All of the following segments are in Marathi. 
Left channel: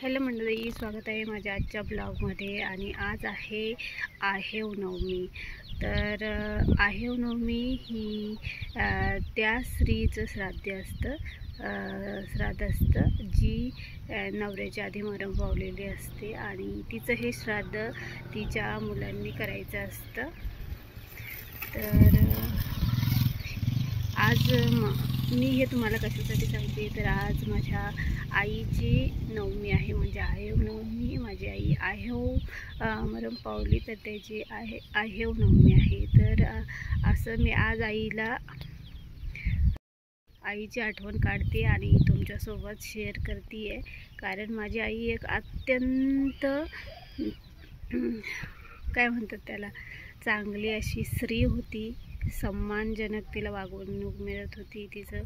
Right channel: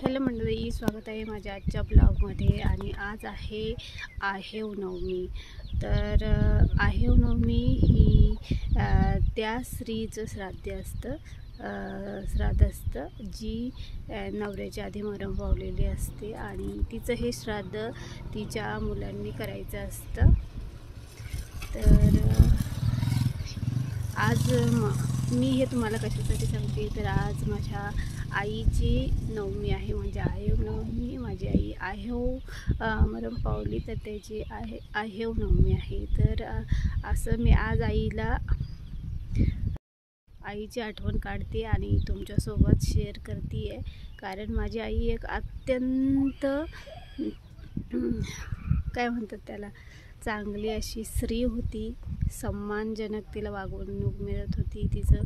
हॅलो मंडळी, स्वागत आहे माझ्या आजच्या ब्लॉगमध्ये. आणि आज आहे आहेव नवमी. तर आहेव नवमी ही त्या स्त्रीचं श्राद्ध असतं जी नवऱ्याच्या आधी मरण पावलेली असते आणि तिचं हे श्राद्ध तिच्या मुलांनी करायचं असतं. तर आज मी हे तुम्हाला कशासाठी सांगते, तर आज माझ्या आईची नवमी आहे, म्हणजे आहेव नवमी. माझी आई आहेव मरण पावली, तर त्याची आहेव नवमी आहे. तर असं मी आज आईची आठवण काढते आणि तुमच्यासोबत शेअर करते आहे. कारण माझी आई एक अत्यंत काय म्हणतात त्याला, चांगली अशी स्त्री होती. सन्मानजनक तिला वागणूक मिळत होती. तिचं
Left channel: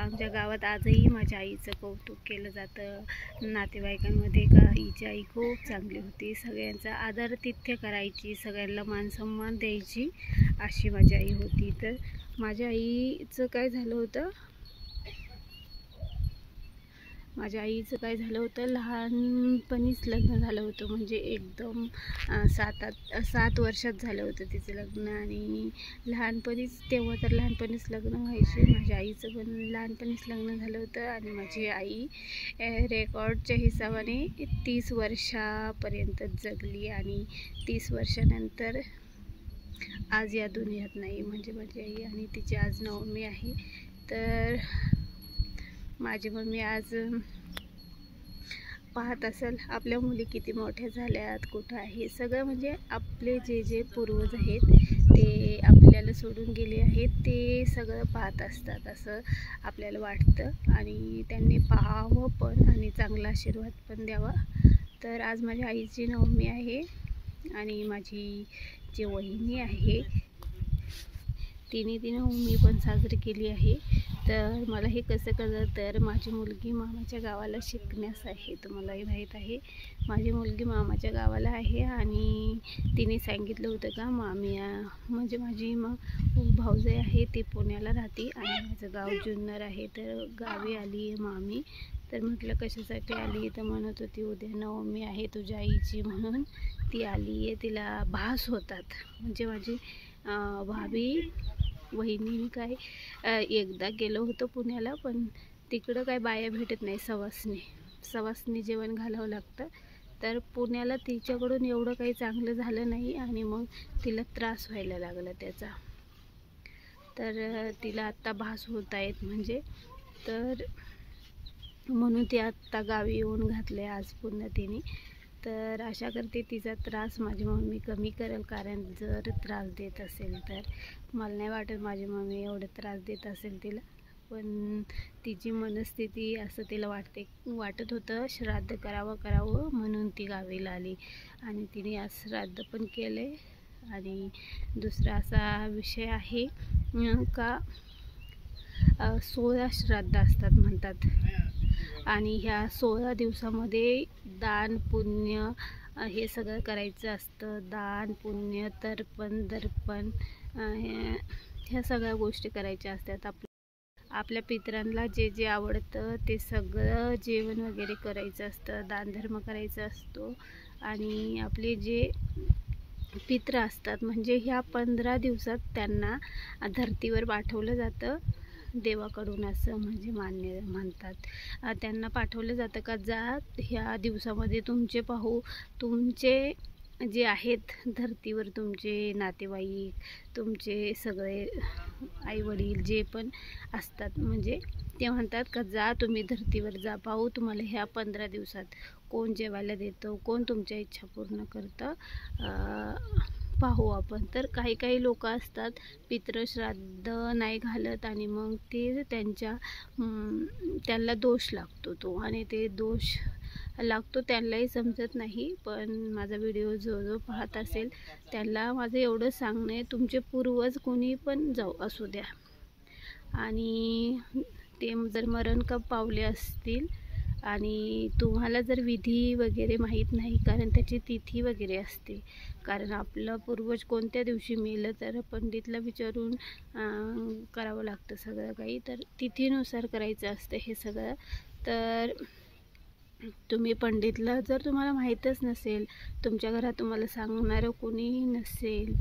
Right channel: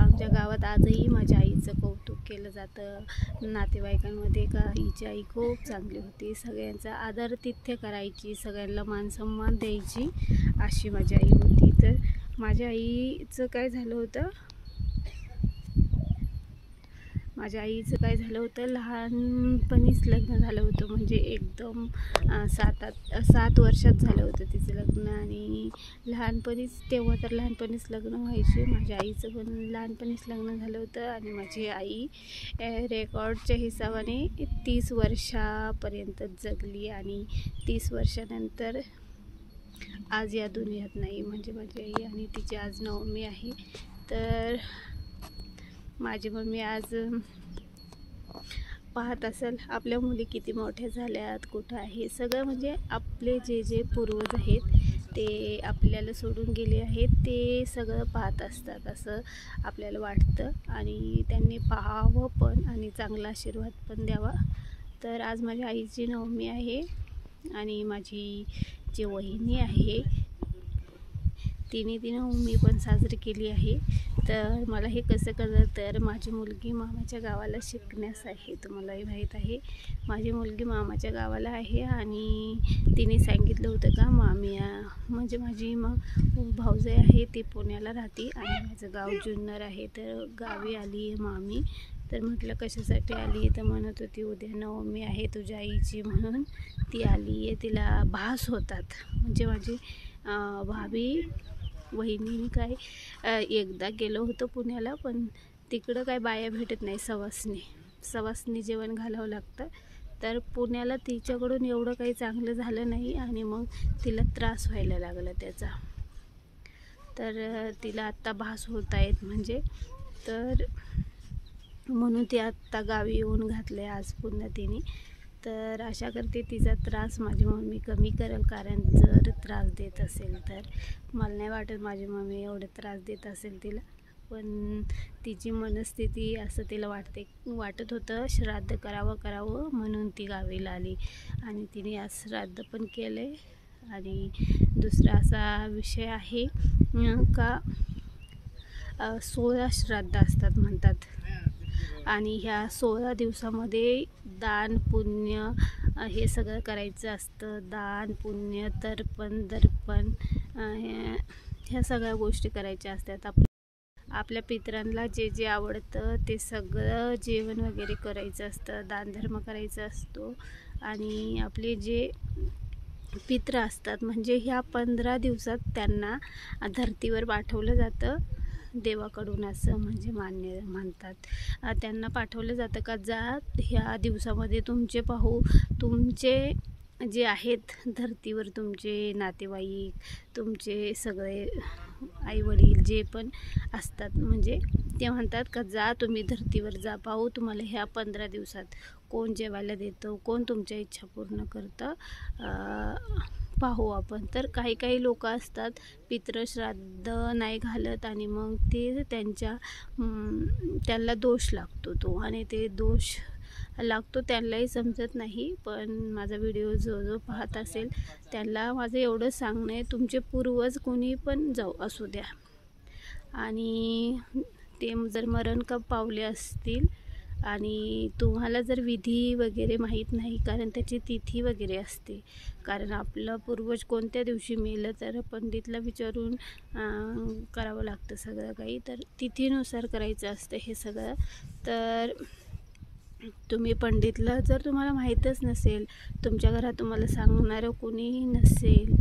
आमच्या गावात आजही माझ्या आईचं कौतुक केलं जातं नातेवाईकांमध्ये, का हिची आई खूप चांगली होती, सगळ्यांचा आदरातिथ्य करायची, सगळ्यांना मान सन्मान द्यायची, अशी माझी आई होती. तर माझ्या आईचं काय झालं होतं, लहानपणीच लग्न झालं होतं. म्हणजे एकदम 7 वर्षात झालं होतं तिचं लग्न. आणि लहानपणीच लग्न व्हायचे. माझ्या आईचं पण लहानपणीच लग्न झालं होतं. आणि माझी आई रेकॉर्डच्या हिशोबाने 30 वर्षापर्यंत जगली आणि 30 वर्षानंतर आज या दुनियात नाही. म्हणजे माझी आई आणि तिची आज नवमी आहे. तर माझी मम्मी आज पाहत असेल आपल्या मुली किती मोठ्या झाल्यात, कुठं आहे सगळं. म्हणजे आपले जे पूर्वज आहेत ते आपल्याला सोडून गेले आहेत, ते सगळं पाहत असतात असं आपल्याला वाटतं. आणि त्यांनी पाहावं पण आणि चांगला आशीर्वाद पण द्यावा. तर आज माझ्या आईची नवमी आहे आणि माझी जी वहिनी आहे तिने ती नवमी पण साजरी केली आहे. तर मला हे कसं कळलं, तर माझी मुलगी मामाच्या गावाला शिकण्यास आहे. तुम्हालाही माहीत आहे माझी मुलगी मामाच्या गावाला आहे. आणि तिने सांगितलं होतं का मामी म्हणजे माझी भाऊजाई आहे ती पुण्याला राहते आणि माझं गाव जुन्नर आहे. तर गावी आली आहे मामी. तर म्हटलं कशासाठी आली, तर म्हणत होती उद्या नवमी आहे तुझ्या आईची, म्हणून ती आली आहे. तिला भास होतात. म्हणजे माझी भाभी वहिनीने काय एकदा गेलो होतं पुण्याला, पण तिकडं काय बाया भेटत नाही. सवासनी जेवण घालावं लागतं. तर पुण्याला तिच्याकडून एवढं काही चांगलं झालं नाही आणि मग तिला त्रास व्हायला लागला त्याचा. तर तिला आत्ता भास होत आहेत म्हणजे, तर म्हणून ती आत्ता गावी येऊन घातले आज पुन्हा तिने. तर आशा करते तिचा त्रास माझी मम्मी कमी करेल. कारण जर त्रास देत असेल तर मला नाही वाटत माझी मम्मी एवढं त्रास देत असेल तिला. पण तिची मनस्थिती असं तिला वाटत होतं श्राद्ध करावं म्हणून ती गावीला आली. आणि तिने आज श्राद्ध पण केले. आणि दुसरा असा विषय आहे का 16 श्राद्ध असतात म्हणतात. आणि ह्या 16 दिवसामध्ये दान पुण्य हे सगळं करायचं असतं. दान पुण्य तर्पण दर्पण ह्या सगळ्या गोष्टी करायच्या असतात. आपल्या पितरांना जे आवडतं ते सगळं जेवण वगैरे करायचं असतं, दानधर्म करायचा असतो. आणि आपले जे पित्र असतात म्हणजे ह्या 15 दिवसात त्यांना धर्तीवर पाठवलं जातं देवाकडून, असं म्हणजे म्हणतात. त्यांना पाठवलं जातं का जा ह्या दिवसामध्ये तुमचे जे आहेत धर्तीवर, तुमचे नातेवाईक, तुमचे सगळे आईवडील जे पण असतात, म्हणजे ते म्हणतात का जा तुम्ही धर्तीवर जा, पाहू तुम्हाला ह्या 15 दिवसात कोण जेवायला देतं, कोण तुमच्या इच्छा पूर्ण करतं, पाहू आपण. तर काही लोक असतात पितृश्राद्ध नाही घालत आणि मग ते त्यांना दोष लागतो तो, आणि ते दोष लागतो त्यांनाही समजत नाही. पण माझा व्हिडिओ जो पाहत असेल त्यांना माझं एवढं सांगणं आहे, तुमचे पूर्वज कोणी पण असू द्या आणि ते जर मरण पावले असतील आणि तुम्हाला जर विधी वगैरे माहीत नाही, कारण त्याची तिथी वगैरे असते, कारण आपलं पूर्वज कोणत्या दिवशी मेलं तर पंडितला विचारून करावं लागतं सगळं काही. तर तिथीनुसार करायचं असतं हे सगळं. तर तुम्ही पंडितला जर तुम्हाला माहीतच नसेल, तुमच्या घरात तुम्हाला सांगणारं कोणीही नसेल,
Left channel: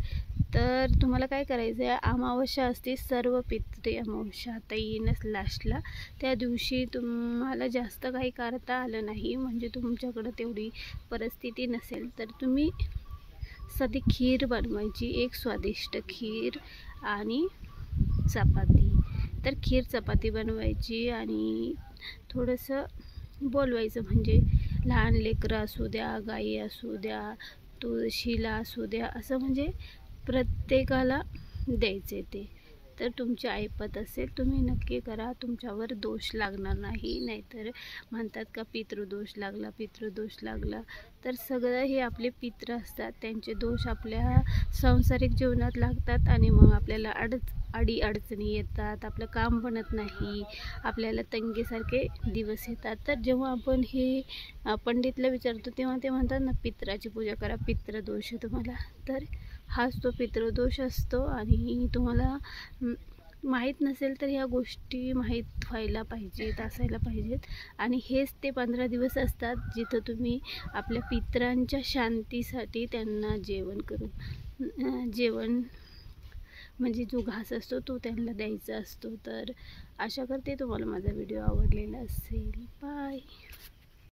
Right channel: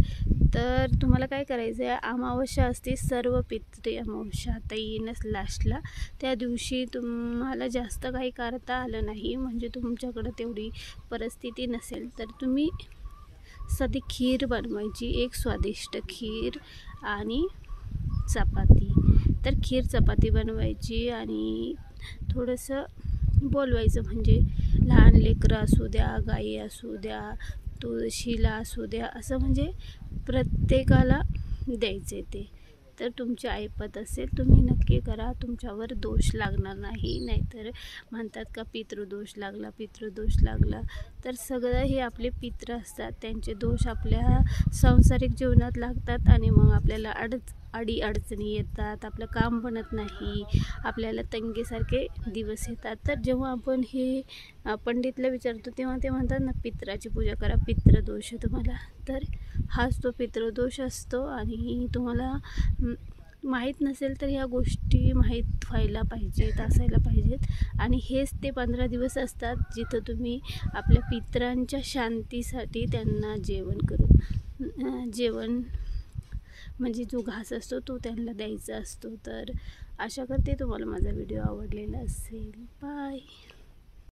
तर तुम्हाला काय करायचं आहे, अमावस्या असते, सर्व पितृ अमावस्या आता येईनच लास्टला, त्या दिवशी तुम्हाला जास्त काही करता आलं नाही, म्हणजे तुमच्याकडं तेवढी परिस्थिती नसेल, तर तुम्ही साधी खीर बनवायची, एक स्वादिष्ट खीर आणि चपाती. तर खीर चपाती बनवायची आणि थोडंसं बोलवायचं, म्हणजे लहान लेकरं असू द्या, गाई असू द्या, तुळशीला असू द्या, असं म्हणजे प्रत्येकाला द्यायचे ते. तर तुमची ऐपत असेल तुम्ही नक्की करा, तुमच्यावर दोष लागणार नाही. नाहीतर म्हणतात का पितृदोष लागला, पितृदोष लागला, तर सगळं हे आपले पितृ असतात, त्यांचे दोष आपल्या सांसारिक जीवनात लागतात आणि मग आपल्याला अडचणी येतात, आपलं काम बनत नाही, आपल्याला तंगीसारखे दिवस येतात. तर जेव्हा आपण हे पंडितला विचारतो तेव्हा ते म्हणतात ना, पितराची पूजा करा, पितृदोष आहे तुम्हाला. तर हाच तो पितृदोष असतो आणि तुम्हाला माहीत नसेल तर ह्या गोष्टी माहीत व्हायला पाहिजेत, असायला पाहिजेत. आणि हेच ते 15 दिवस असतात जिथं तुम्ही आपल्या पितरांच्या शांतीसाठी त्यांना जेवण म्हणजे जो घास असतो तो त्यांना द्यायचा असतो. तर आशा करते तुम्हाला माझा व्हिडिओ आवडलेला असेल. बाय.